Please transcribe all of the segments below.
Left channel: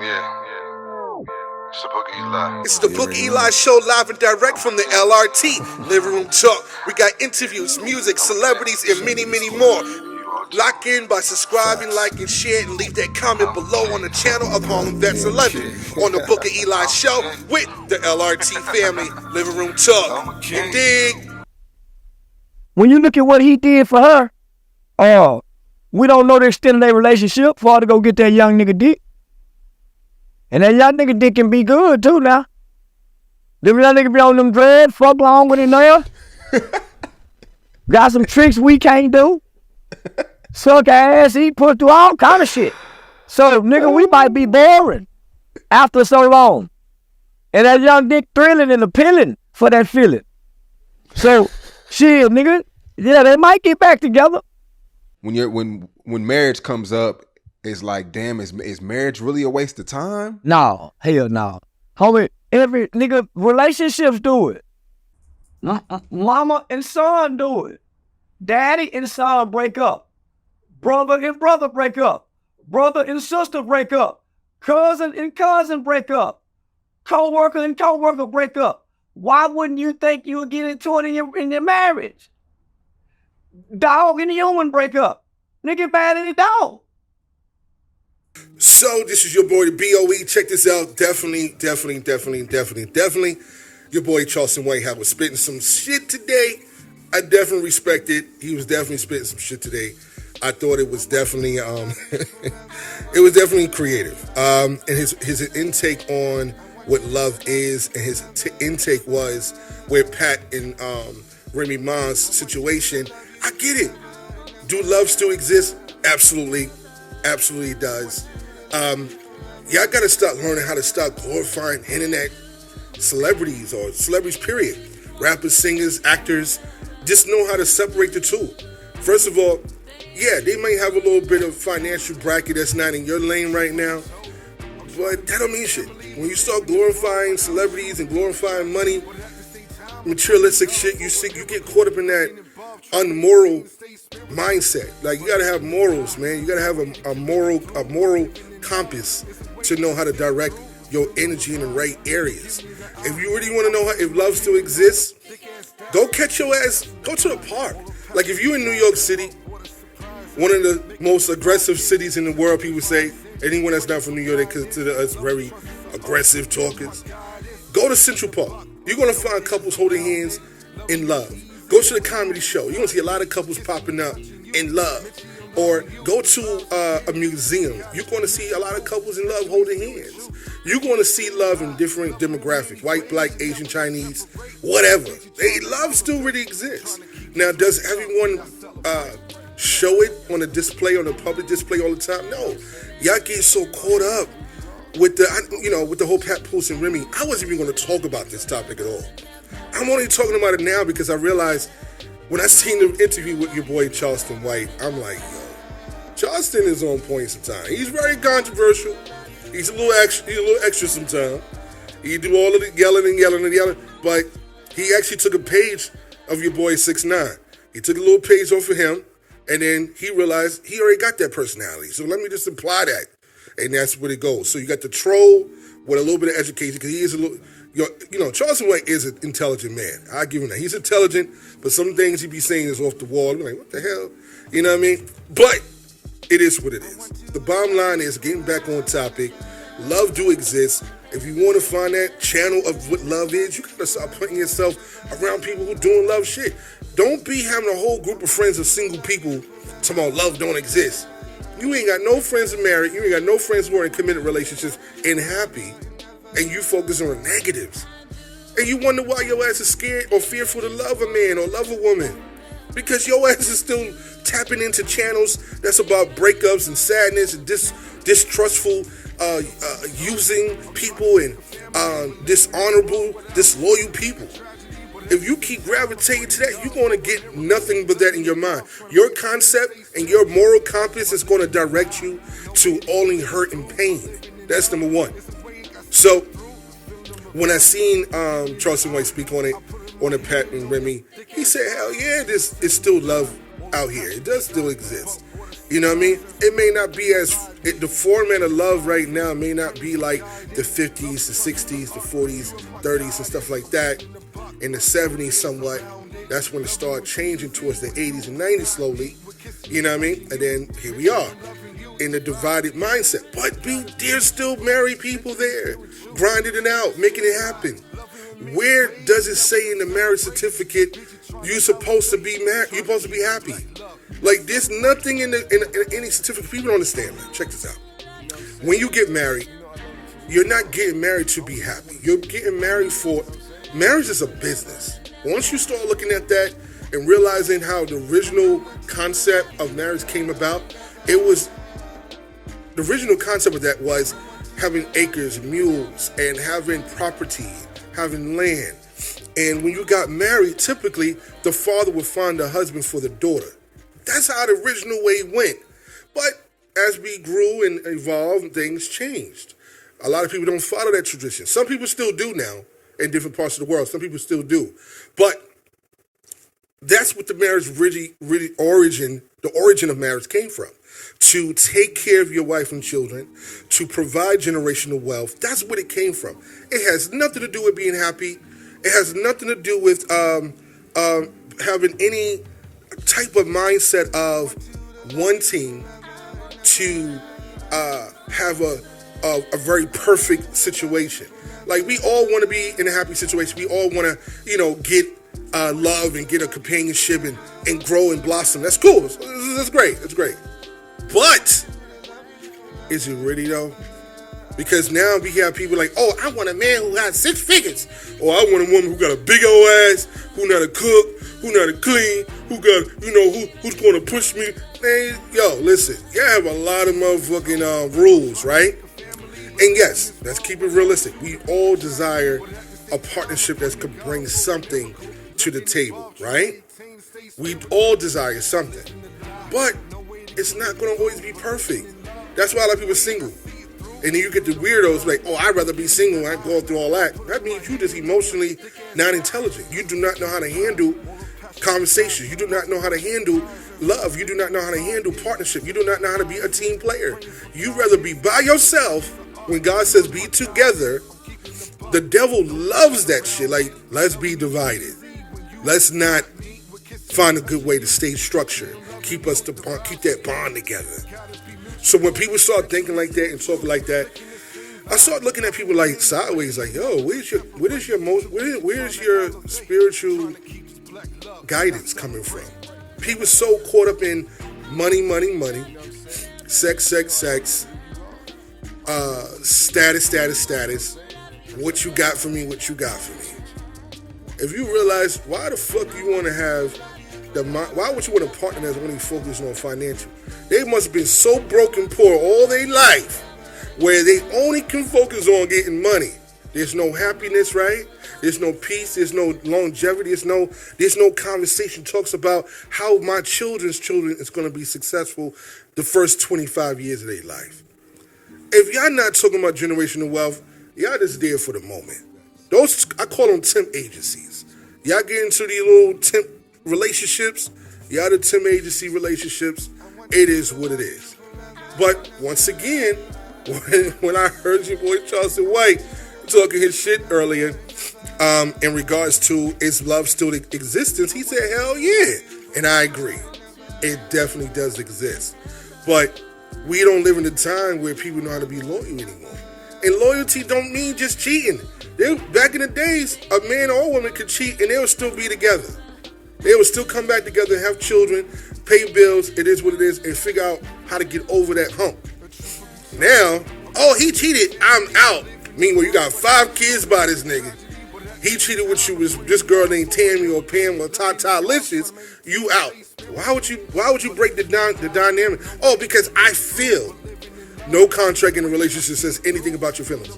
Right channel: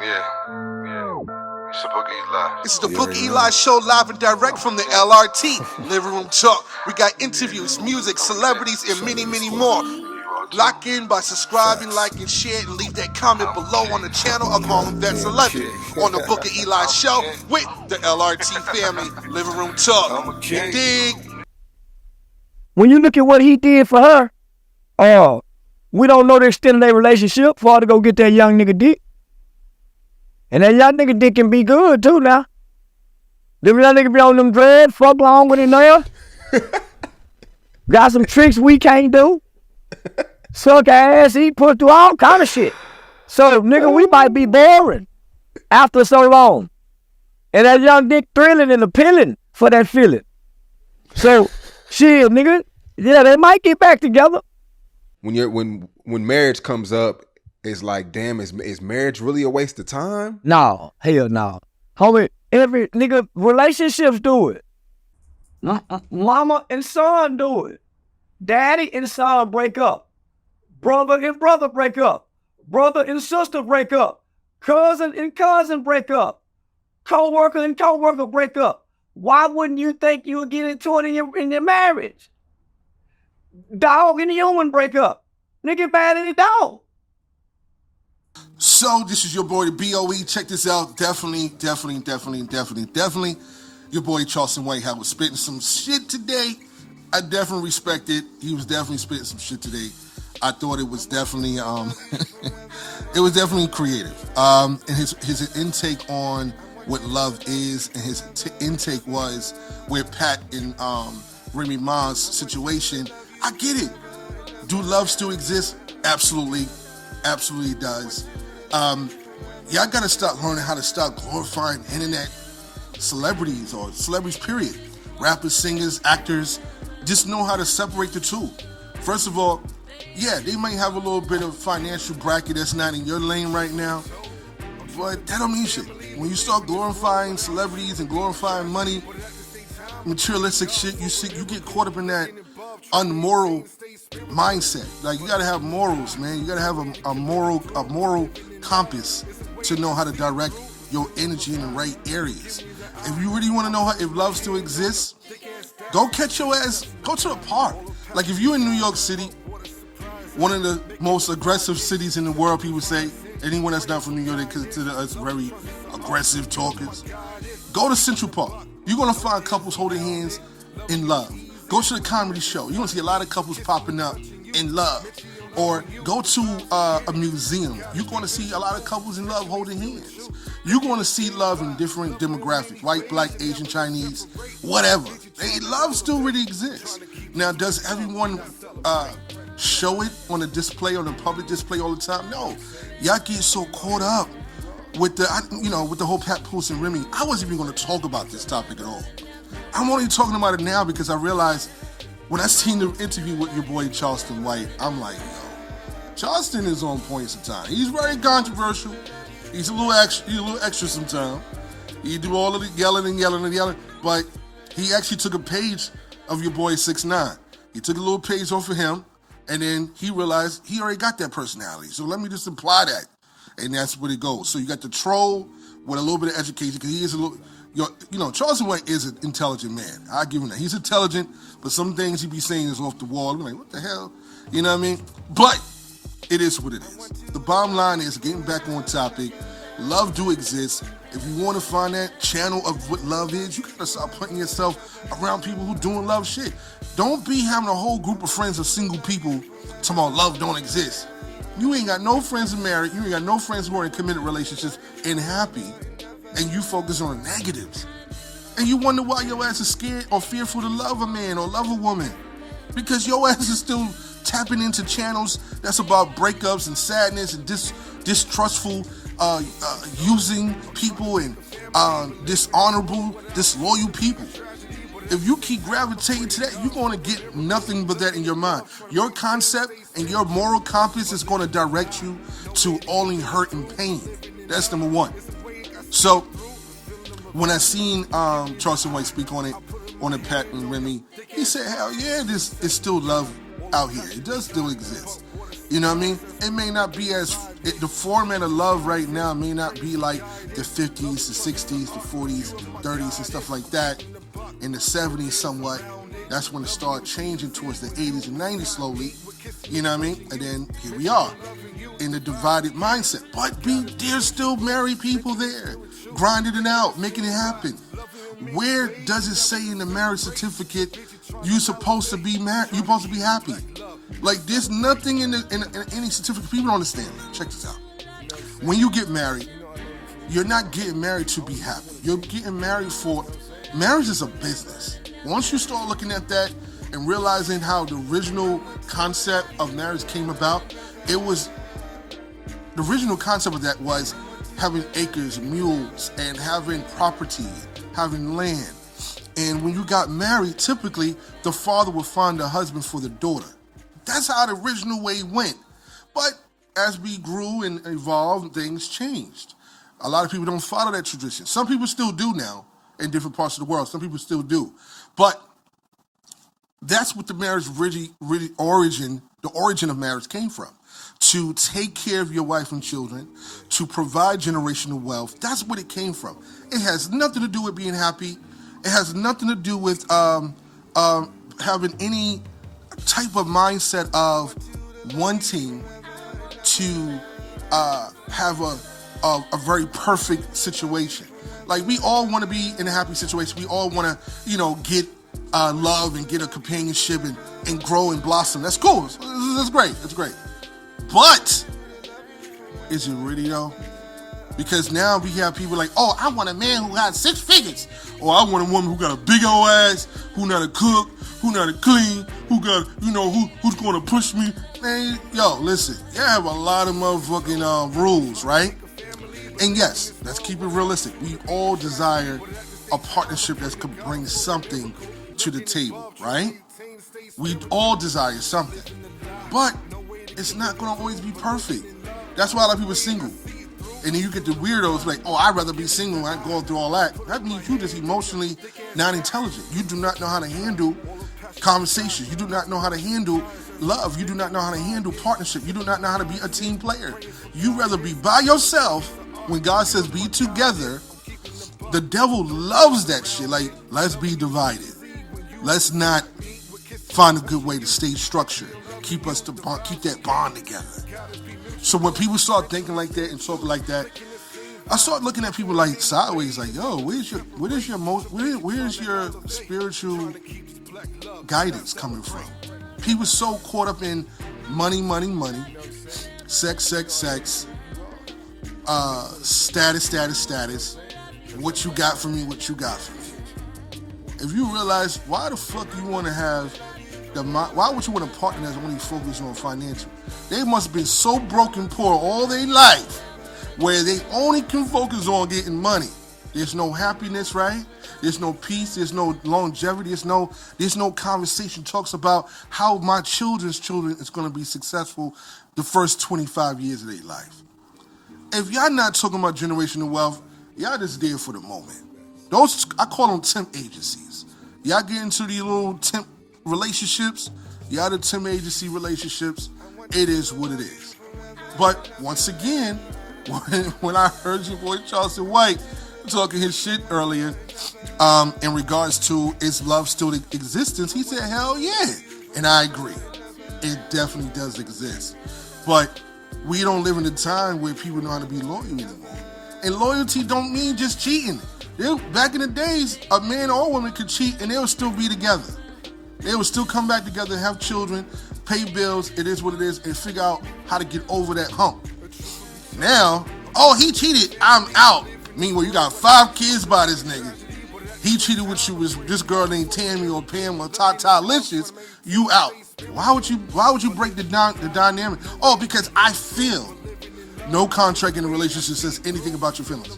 Yeah. It's the Book Eli. It's the Book Eli Show, live and direct from the LRT Living Room Talk. We got interviews, music, celebrities, and many, many more. Lock in by subscribing, liking, share, and leave that comment below on the channel of Harlem Vets 11 on the Book of Eli Show with the LRT family Living Room Talk. You dig? When you look at what he did for her, we don't know the extent of their relationship for her to go get that young nigga dick. And that young nigga dick can be good too now. Them young nigga be on them dreads, fuck long with it now. Got some tricks we can't do. Suck ass, eat, put through all kind of shit. So nigga, we might be boring after so long. And that young dick thrilling and appealing for that feeling. So, shit, nigga, yeah, they might get back together. When marriage comes up, it's like, damn, is marriage really a waste of time? No, hell no. Homie, every nigga, relationships do it. Mama and son do it. Daddy and son break up. Brother and brother break up. Brother and sister break up. Cousin and cousin break up. Co-worker and co-worker break up. Why wouldn't you think you would get into it in your marriage? Dog and human break up. Nigga bad as a dog. So this is your boy, the BOE. Check this out. Definitely. Your boy Charleston White was spitting some shit today. I definitely respect it. He was definitely spitting some shit today. I thought it was definitely it was definitely creative. And his intake on what love is, and his intake was with Pat and Remy Ma's situation. I get it. Do love still exist? Absolutely does. Y'all gotta start learning how to stop glorifying internet celebrities or celebrities, period. Rappers, singers, actors, just know how to separate the two. First of all, yeah, they might have a little bit of financial bracket that's not in your lane right now, but that don't mean shit. When you start glorifying celebrities and glorifying money, materialistic shit, you get caught up in that unmoral mindset. Like, you gotta have morals, man. You gotta have a moral compass to know how to direct your energy in the right areas. If you really want to know if love still exists, go catch your ass, go to a park. Like, if you in New York City, one of the most aggressive cities in the world, people say, anyone that's not from New York, they consider us very aggressive talkers. Go to Central Park. You're gonna find couples holding hands in love. Go to the comedy show. You're gonna see a lot of couples popping up in love. Or go to a museum. You're gonna see a lot of couples in love holding hands. You're gonna see love in different demographics: white, black, Asian, Chinese, whatever. Love still really exists. Now, does everyone show it on a display, on a public display all the time? No. Y'all get so caught up with the whole Papoose and Remy. I wasn't even gonna talk about this topic at all. I'm only talking about it now because I realized when I seen the interview with your boy Charleston White, I'm like, yo, Charleston is on point sometimes. He's very controversial. He's a little extra sometimes. He do all of the yelling, but he actually took a page of your boy 6ix9ine. He took a little page off of him, and then he realized he already got that personality. So let me just imply that, and that's where it goes. So you got the troll with a little bit of education, because he is a little. Charleston White is an intelligent man. I give him that. He's intelligent, but some things he be saying is off the wall. I'm like, what the hell? You know what I mean? But it is what it is. The bottom line is, getting back on topic, love do exist. If you want to find that channel of what love is, you gotta start putting yourself around people who doing love shit. Don't be having a whole group of friends of single people talking about love don't exist. You ain't got no friends who are married. You ain't got no friends who are in committed relationships and happy. And you focus on the negatives. And you wonder why your ass is scared or fearful to love a man or love a woman. Because your ass is still tapping into channels that's about breakups and sadness and distrustful using people and dishonorable, disloyal people. If you keep gravitating to that, you're going to get nothing but that in your mind. Your concept and your moral compass is going to direct you to only hurt and pain. That's number one. So, when I seen Charleston White speak on it, on the Pat and Remy, he said, hell yeah, this is still love out here. It does still exist. You know what I mean? It may not be the format of love right now may not be like the 50s, the 60s, the 40s, 30s, and stuff like that. In the 70s, somewhat. That's when it started changing towards the 80s and 90s slowly. You know what I mean? And then here we are in the divided mindset. But there's still married people there, grinding it out, making it happen. Where does it say in the marriage certificate you're supposed to be married? You're supposed to be happy. Like, there's nothing in any certificate. People don't understand, man. Check this out. When you get married, you're not getting married to be happy. You're getting married for... Marriage is a business. Once you start looking at that and realizing how the original concept of marriage came about, the original concept of that was having acres, mules, and having property, having land. And when you got married, typically, the father would find a husband for the daughter. That's how the original way went. But as we grew and evolved, things changed. A lot of people don't follow that tradition. Some people still do now in different parts of the world. Some people still do. But that's what the marriage the origin of marriage came from. To take care of your wife and children, to provide generational wealth. That's what it came from. It has nothing to do with being happy. It has nothing to do with having any type of mindset of wanting to have a very perfect situation. Like, we all want to be in a happy situation. We all want to, get love and get a companionship and grow and blossom. That's cool. That's great. It's great. But is it really though? Because now we have people like, oh, I want a man who has 6 figures. Or I want a woman who got a big old ass, who know how to cook, who know how to clean, who got, who's going to push me. Man, listen, you have a lot of motherfucking rules, right? And yes, let's keep it realistic. We all desire a partnership that could bring something to the table, right? We all desire something. But it's not going to always be perfect. That's why a lot of people are single. And then you get the weirdos like, oh, I'd rather be single. I ain't going through all that. That means you just emotionally not intelligent. You do not know how to handle conversations. You do not know how to handle love. You do not know how to handle partnership. You do not know how to be a team player. You rather be by yourself. When God says be together, the devil loves that shit. Like, let's be divided. Let's not find a good way to stay structured. Keep that bond together. So when people start thinking like that and talking like that, I start looking at people like sideways, like, yo, where's your spiritual guidance coming from? People so caught up in money, sex, status. What you got for me, If you realize, why the fuck you want to have why would you want a partner that's only focused on financial? They must have been so broken poor all their life where they only can focus on getting money. There's no happiness, right? There's no peace. There's no longevity. There's no conversation talks about how my children's children is going to be successful the first 25 years of their life. If y'all not talking about generational wealth, y'all just there for the moment. Those, I call them temp agencies. Y'all get into these little temp relationships. Y'all the temp agency relationships. It is what it is. But once again, when I heard your boy Charleston White talking his shit earlier, in regards to is love still in existence, he said, hell yeah. And I agree. It definitely does exist. But we don't live in a time where people know how to be loyal anymore. And loyalty don't mean just cheating. Back in the days, a man or a woman could cheat and they would still be together. They would still come back together, have children, pay bills, it is what it is, and figure out how to get over that hump. Now, oh, he cheated, I'm out. Meanwhile, you got 5 kids by this nigga. He cheated with you with this girl named Tammy or Pam or Tata Licious, you out. Why would you break the dynamic? Oh, because I feel. No contract in a relationship says anything about your feelings.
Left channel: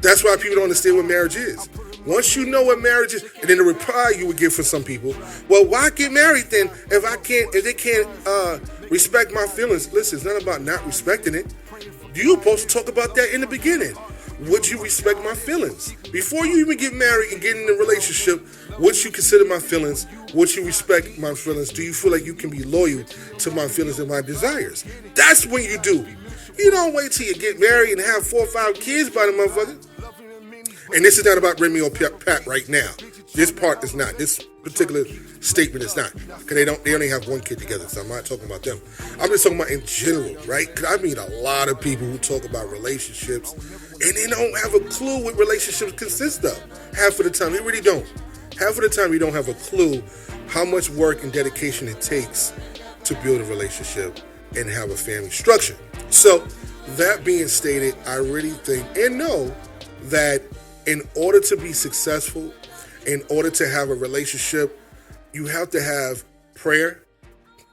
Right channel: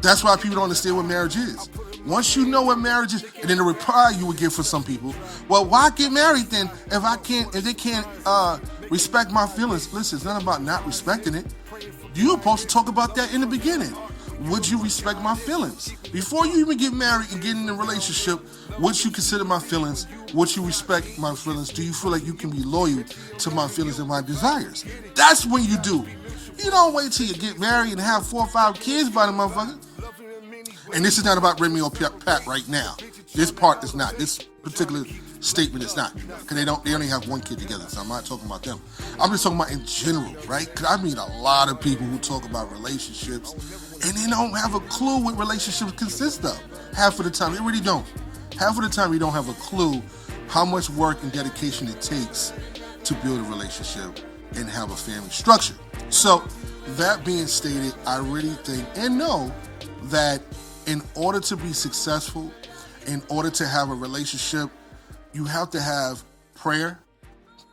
That's why people don't understand what marriage is. Once you know what marriage is, and then the reply you would get for some people, well, why get married then if they can't respect my feelings? Listen, it's not about not respecting it. You're supposed to talk about that in the beginning. would you respect my feelings? Before you even get married and get in a relationship, would you consider my feelings? Would you respect my feelings? Do you feel like you can be loyal to my feelings and my desires? That's when you do. You don't wait till you get married and have 4 or 5 kids by the motherfucker. And this is not about Remy or Pat right now. This part is not. This particular statement is not. Because they only have 1 kid together, so I'm not talking about them. I'm just talking about in general, right? Because I meet a lot of people who talk about relationships, and they don't have a clue what relationships consist of. Half of the time, they really don't. Half of the time, you don't have a clue how much work and dedication it takes to build a relationship and have a family structure. So, that being stated, I really think and know that in order to be successful, in order to have a relationship, you have to have prayer,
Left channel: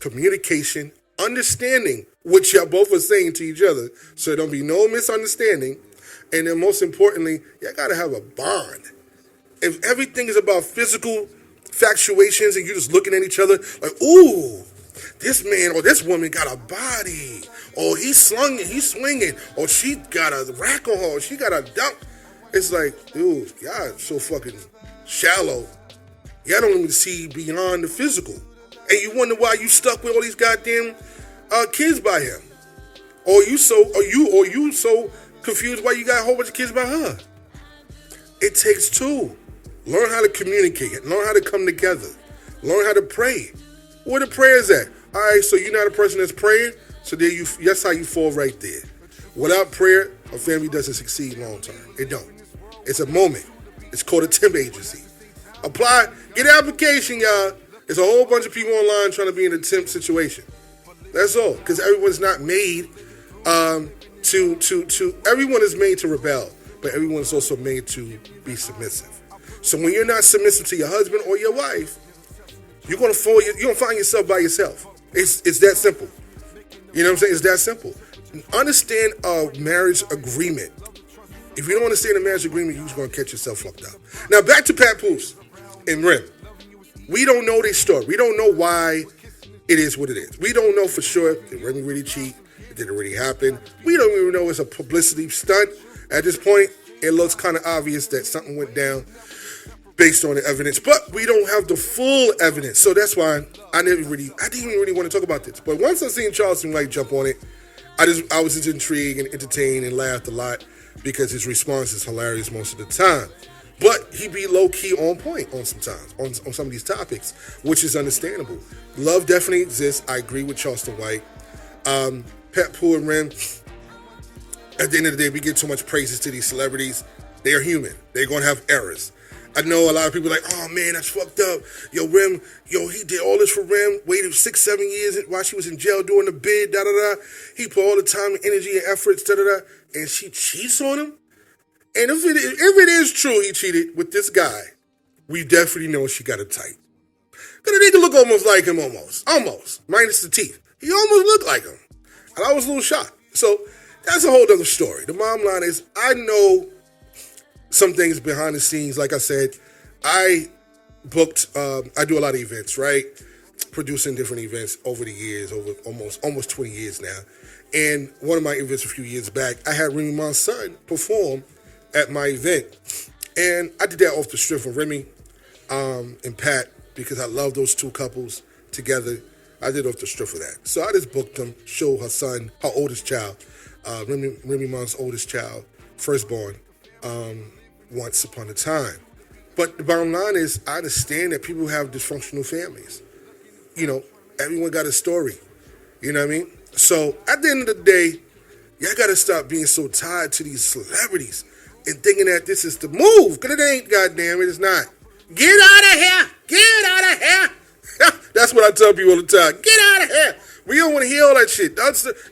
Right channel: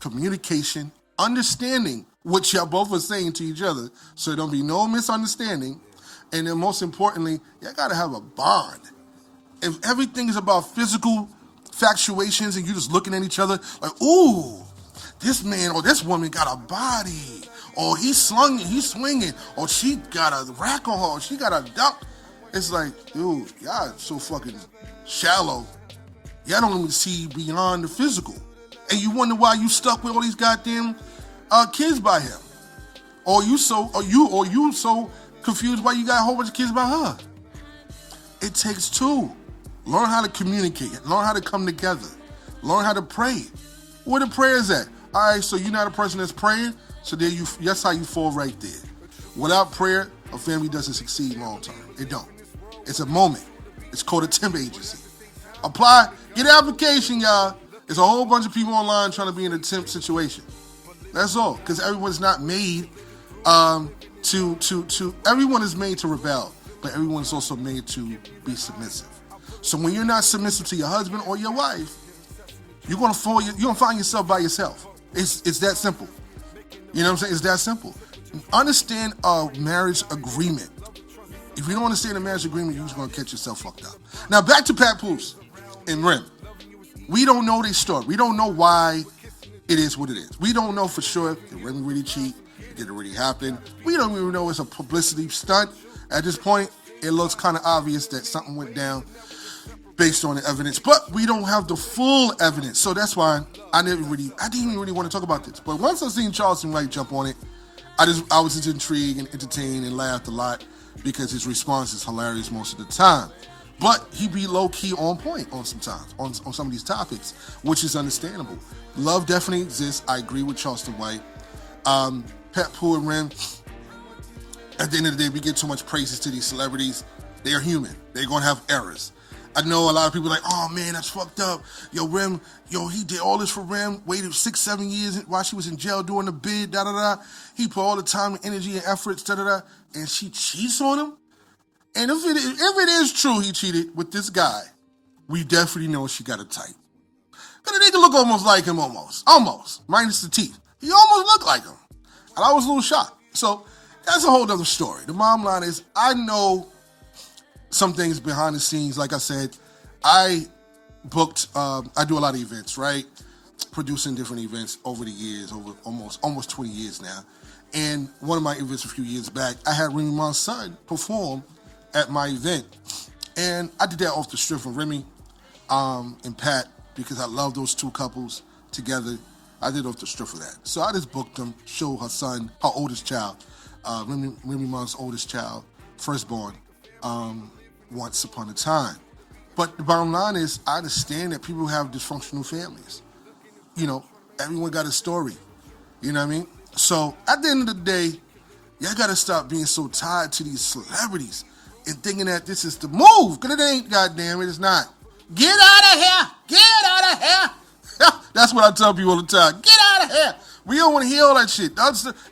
communication, understanding what y'all both are saying to each other, so there don't be no misunderstanding. And then most importantly, y'all gotta have a bond. If everything is about physical factuations and you just looking at each other like, ooh, this man or this woman got a body, or he's swinging, or she got a rack on her, or she got a dunk. It's like, dude, y'all so fucking shallow. Y'all don't even see beyond the physical. And you wonder why you stuck with all these goddamn kids by him. Or you so confused why you got a whole bunch of kids by her. It takes 2. Learn how to communicate. Learn how to come together. Learn how to pray. Where the prayers at? All right, so you're not a person that's praying, so that's how you fall right there. Without prayer, a family doesn't succeed long term. It don't. It's a moment. It's called a temp agency. Apply, get an application, y'all. There's a whole bunch of people online trying to be in a temp situation. That's all. Because everyone's not made everyone is made to rebel, but everyone is also made to be submissive. So when you're not submissive to your husband or your wife, you're gonna find yourself by yourself. It's that simple. You know what I'm saying? It's that simple. Understand a marriage agreement. If you don't understand a marriage agreement, you're just going to catch yourself fucked up. Now, back to Papoose and Rem. We don't know their story. We don't know why it is what it is. We don't know for sure did Remy really cheat? Did it really happen? We don't even know it's a publicity stunt. At this point, it looks kind of obvious that something went down based on the evidence, but we don't have the full evidence. So that's why I didn't even really want to talk about this. But once I seen Charleston White jump on it, I was just intrigued and entertained and laughed a lot because his response is hilarious most of the time. But he be low-key on point on some of these topics, which is understandable. Love definitely exists. I agree with Charleston White. Papoose and Rem, at the end of the day, we give too much praises to these celebrities. They are human. They're going to have errors. I know a lot of people are like, oh man, that's fucked up. Yo, Rem, he did all this for Rem, waited 6-7 years while she was in jail doing the bid, da-da-da. He put all the time and energy and efforts, da-da-da, and she cheats on him? And if it is true he cheated with this guy, we definitely know she got a type. Because the nigga look almost like him, almost, minus the teeth. He almost looked like him. And I was a little shocked. So that's a whole other story. The bottom line is, I know some things behind the scenes. Like I said, I booked, I do a lot of events, right? Producing different events over the years, over almost 20 years now. And one of my events a few years back, I had Remy Does' son perform at my event. And I did that off the strip of Remy and Pat, because I love those two couples together. I did off the strip of that. So I just booked them, show her son, her oldest child, Remy Does' oldest child, firstborn, once upon a time. But the bottom line is, I understand that people have dysfunctional families. You know, everyone got a story. You know what I mean? So at the end of the day, y'all got to stop being so tied to these celebrities and thinking that this is the move. Because it ain't, goddamn it, it's not. Get out of here! Get out of here! That's what I tell people all the time. Get out of here! We don't want to hear all that shit.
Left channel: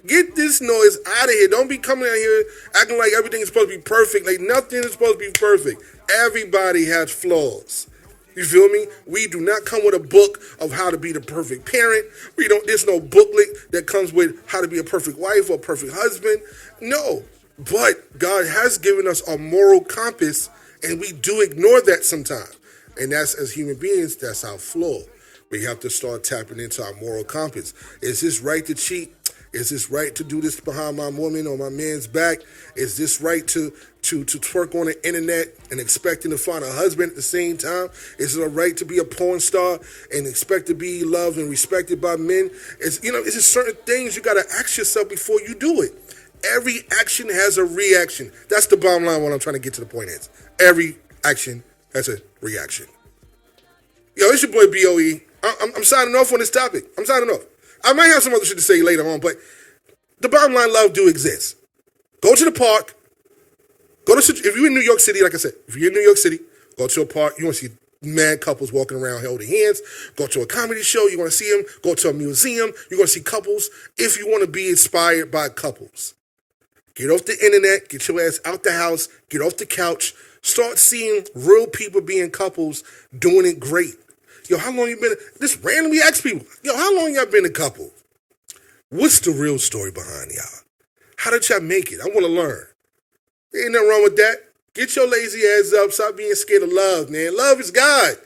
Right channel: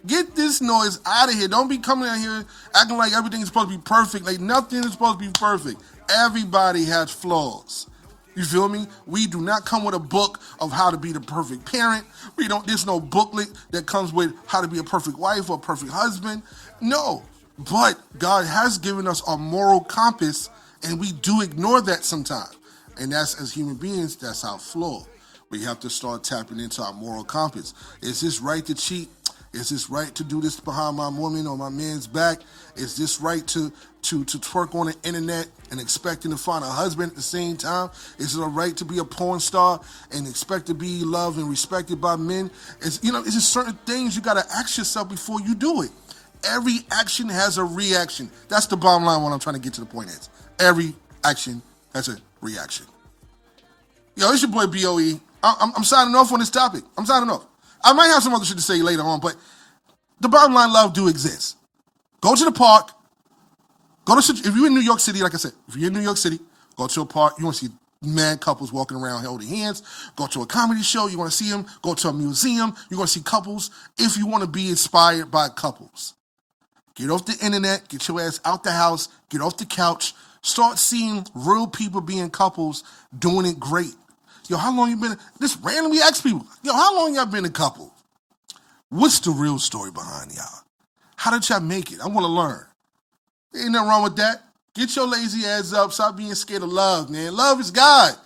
Get this noise out of here. Don't be coming out here acting like everything is supposed to be perfect. Like nothing is supposed to be perfect. Everybody has flaws. You feel me? We do not come with a book of how to be the perfect parent. There's no booklet that comes with how to be a perfect wife or a perfect husband. No. But God has given us a moral compass, and we do ignore that sometimes. And that's, as human beings, that's our flaw. We have to start tapping into our moral compass. Is this right to cheat? Is this right to do this behind my woman or my man's back? Is this right to twerk on the internet and expecting to find a husband at the same time? Is it a right to be a porn star and expect to be loved and respected by men? It's just certain things you got to ask yourself before you do it. Every action has a reaction. That's the bottom line. What I'm trying to get to the point is, every action has a reaction. Yo, it's your boy BOE. I'm signing off on this topic. I'm signing off. I might have some other shit to say later on, but the bottom line, love do exist. Go to the park. If you're in New York City, like I said, if you're in New York City, go to a park. You want to see mad couples walking around holding hands. Go to a comedy show. You want to see them. Go to a museum. You're going to see couples. If you want to be inspired by couples, get off the internet. Get your ass out the house. Get off the couch. Start seeing real people being couples doing it great. Yo, how long you been? Just randomly ask people. Yo, how long y'all been a couple? What's the real story behind y'all? How did y'all make it? I want to learn. Ain't nothing wrong with that. Get your lazy ass up. Stop being scared of love, man. Love is God.